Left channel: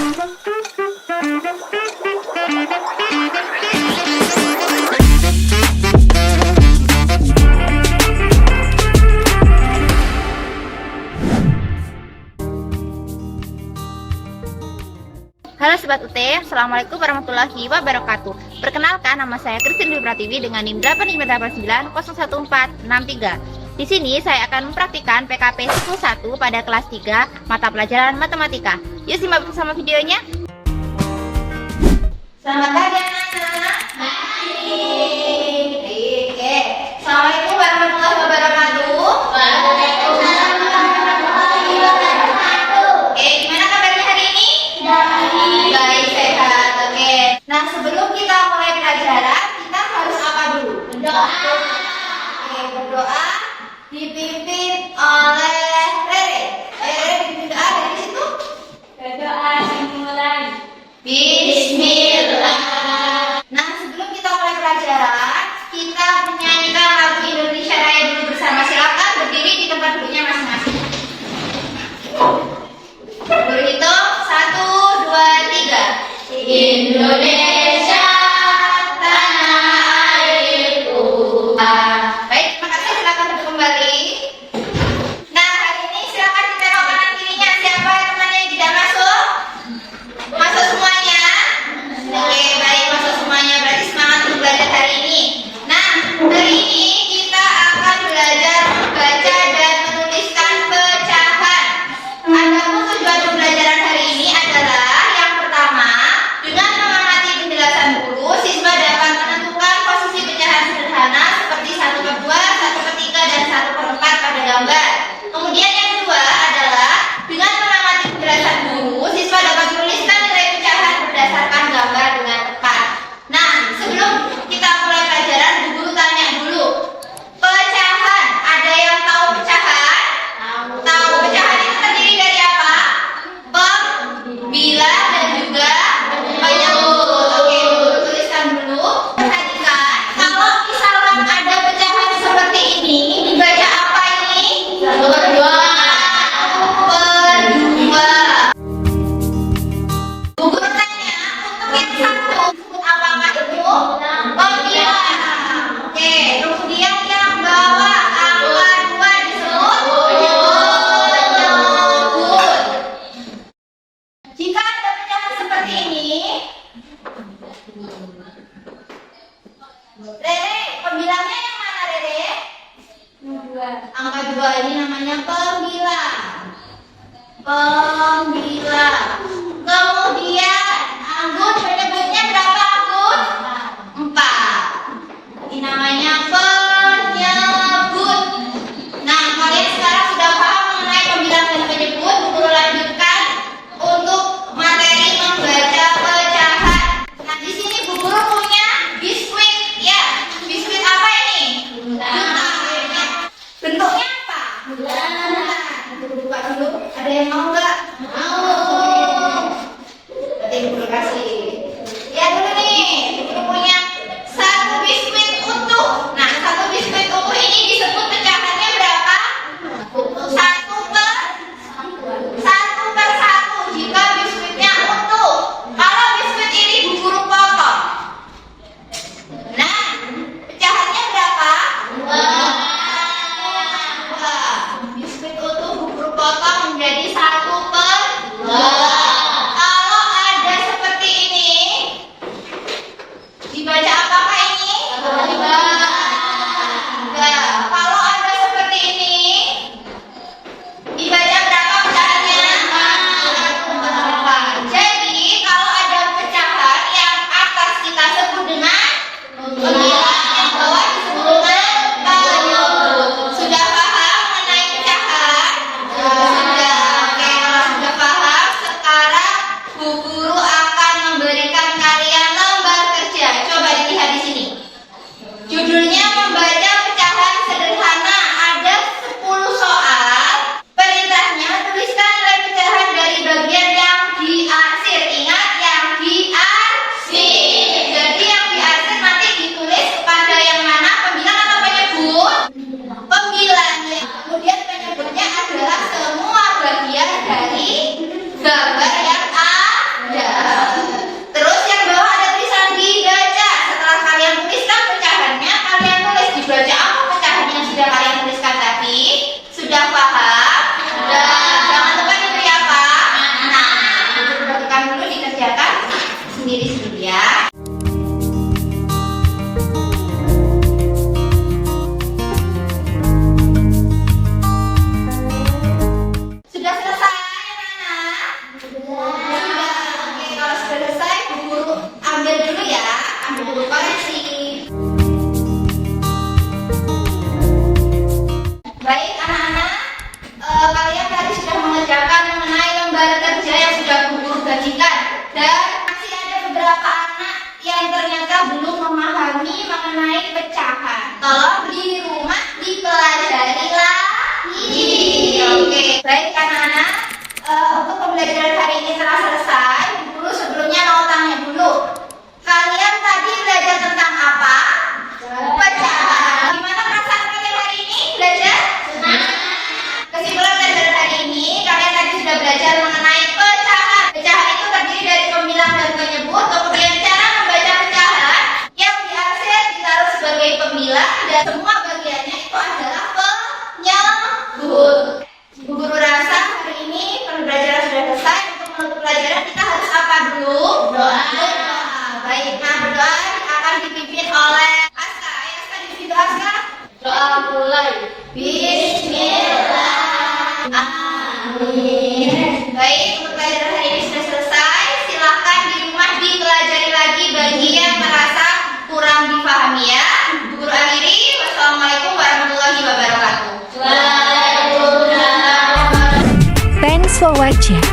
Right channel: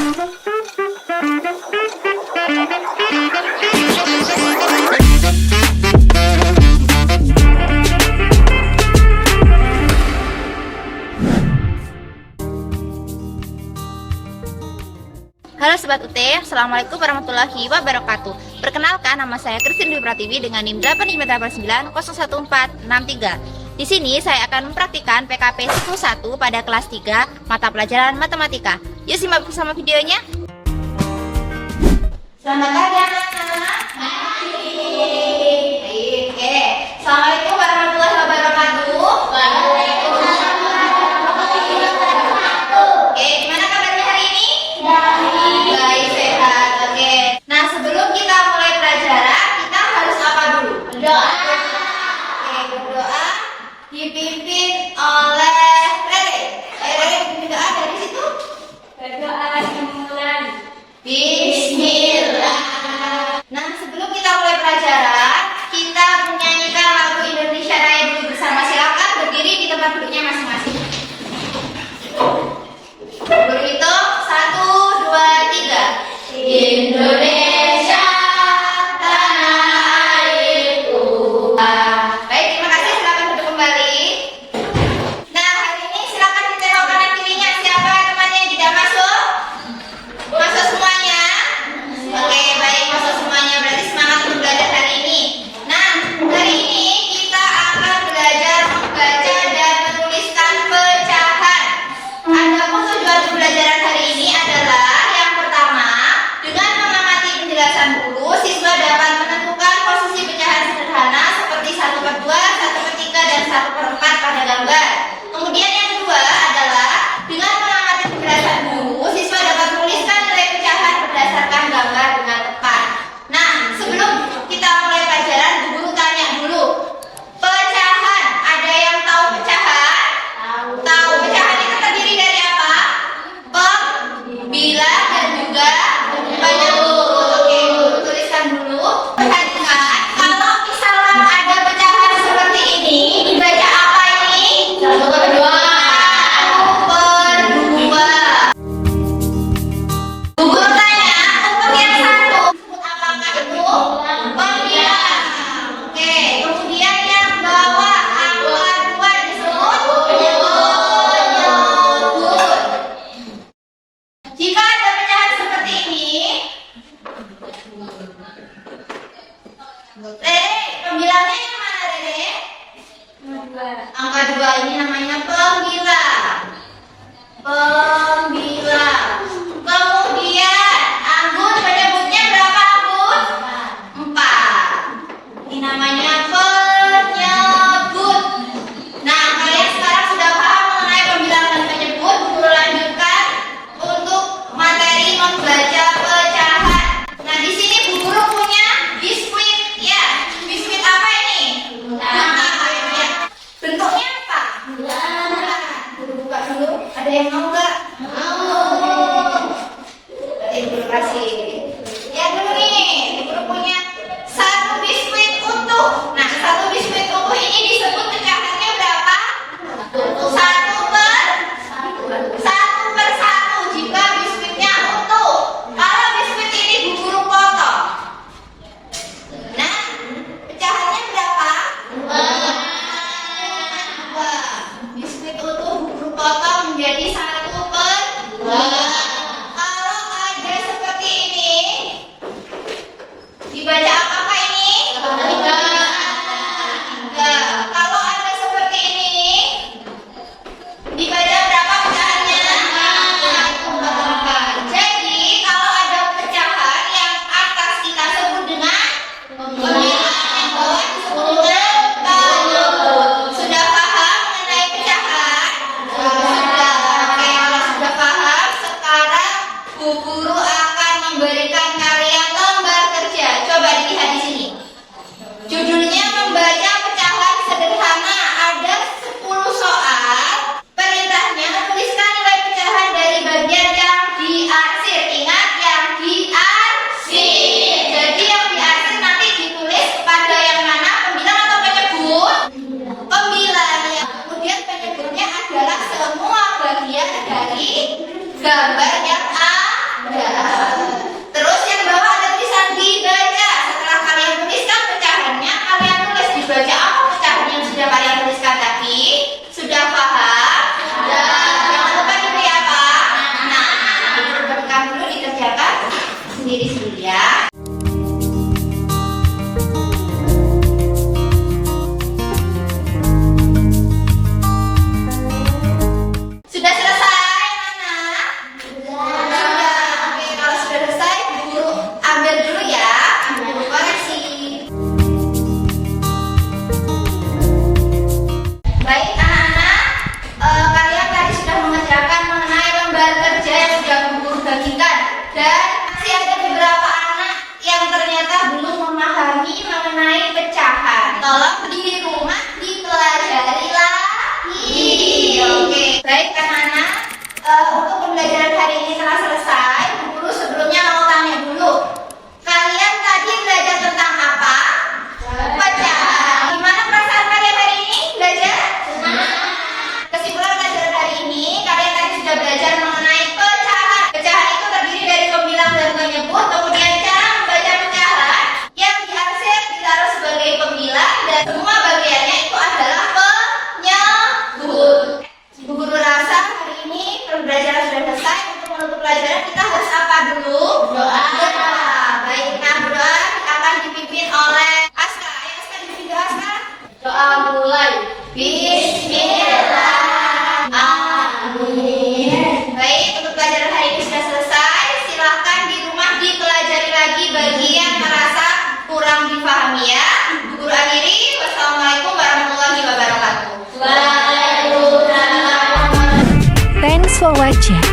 Halo Sobat UT, Assalamualaikum warahmatullahi wabarakatuh. Perkenalkan, nama saya Christine Dwi Pratiwi dengan NIM 858901463. Di sini saya akan mempraktikkan PKP 1 pada kelas 3 mata pelajaran matematika. Yuk simak bersama videonya. Selamat pagi anak-anak. Oke. Assalamualaikum warahmatullahi wabarakatuh. Waalaikumsalam warahmatullahi wabarakatuh. Oke, gimana kabarnya hari ini? Baik, sehat. Oke. Nah, sebelum kita mulai pelajaran, kita harus apa dulu? Berdoa. Oke, berdoa dipimpin oleh Rere. Rere dipimpin doa dari situ. Berdoa dimulai. Bismillah. Nah, sebelum kita mulai pelajaran, kita menyanyikan lagu Indonesia Raya dulu bersama. Silakan berdiri di tempat duduknya masing-masing. Berhitung 1, 2, 3. Indonesia tanah airku. Baik, terima kasih. Silakan duduk kembali. Nah, hari ini silakan ditengok kanan kirinya. Siapa temannya yang tidak masuk? Masuk semuanya? Oke, baik, masuk semuanya. Berarti semangat untuk belajar hari ini. Nah, hari ini kita akan belajar membaca dan menuliskan pecahan. Adapun tujuan pembelajaran hari ini adalah yang pertama, dengan mengamati penjelasan guru, siswa dapat menentukan posisi pecahan sederhana seperti 1/2, 1/3, dan 1/4 pada gambar. Kemudian yang kedua adalah dengan mengamati penjelasan guru, siswa dapat menuliskan nilai pecahan berdasarkan gambar dengan tepat. Nah, sebelum kita mulai pelajaran, Bu Guru tanya dulu. Pecahan, ada yang tahu pecahan? Tahu. Pecahan itu terdiri dari apa? Bilang dan juga banyak huruf. Oke, Guru tuliskan dulu. Perhatikan, kalau misalkan ada pecahan seperti ini, dibaca apa ini? 1/2. 1/2. Bu Guru tanya, untuk yang satu, sebut apakah itu? Pembilang. Oke, kemudian yang bawah angka 2 disebut penyebut. Jika ada pecahan seperti ini, Rere, pembilangnya yang mana, Rere? Angka 2 ini namanya pembilang. Pembilang. Kemudian Anggun, penyebutnya berapa, Anggun? 4. Ini namanya penyebut. Nah, kalian sekarang sudah paham mengenai pembilang dan penyebut. Bu Guru lanjutkan untuk materi membaca pecahan. Nah, di sini Bu Guru punya biskuit. Ya, biskuit apa ini? Bulan. Ya. Bentuknya apa? Bulan. Bu Guru buka dulu. Ada yang mau nggak? Mau. dilakukan dulu, dikerjakan sendiri-sendiri ya. Sudah selesai, anak? Sudah. Oke, kalau sudah selesai, guru ambil dulu ya, ambil dulu koreksi. Baik anak-anak, kalian tadi sudah mengerjakan mengenai lembar kerja yang sudah guru bagikan, dan masih ada beberapa anak yang ternyata belum memahami mengenai pecahan. Tolong di rumah dipelajari lagi. Oke, baik anak-anak, untuk pembelajaran hari ini telah selesai. Guru sebelumnya mau tanya dulu, kalian tadi belajar tentang apa? Pecahan. Gimana perasaan kalian hari ini belajar? Kesimpulan pelajaran hari ini, kalian tadi sudah belajar mengenai pecahan. Pecahan itu terdiri dari pembilang dan penyebut, kemudian cara membaca pecahan yang diarsir ditaruh sebagai pembilang, dan semua bagiannya itu adalah penyebut. Bu Guru rasa hari ini pembelajaran sudah selesai. Untuk menutup pelajaran kita harus apa dulu? Doa. Baik, nah berdoa akan dipimpin oleh Aska. Ayo Aska, dipimpin doa Aska. Doa mulai. Bismillah. Amin. Baik, untuk pelajaran hari ini sudah selesai. Silahkan di rumah dipelajari lagi bagi yang merasa kurang difahami ya. Guru akhiri, wassalamualaikum warahmatullahi wabarakatuh. Thanks for watching.